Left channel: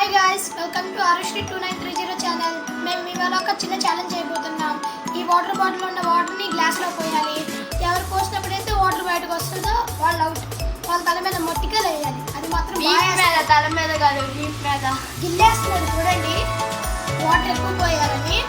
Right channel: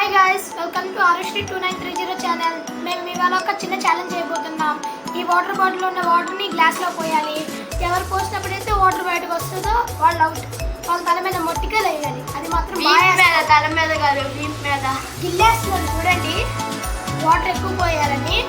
Hi guys, welcome to ఆరుశ్రీ 2930 channel. మేము ఇవాళ ఒక చిన్న ఛాలెంజ్ చేయబోతున్నాం. ఈ వాటర్ బాటిల్లో ఉన్న వాటర్ని గ్లాస్లో పోయాలి. ఎవరు పోసినప్పుడైతే వాటర్ బయటకు వస్తుందో వాళ్ళు అవుట్. వాళ్ళ తల మీద మొట్టిగా వేయాలి. అది మాత్రం తల మీద కాదు, మీద గిల్లేస్తున్నాడు చూడండి. వాటర్ ఎక్కువ పోయాలని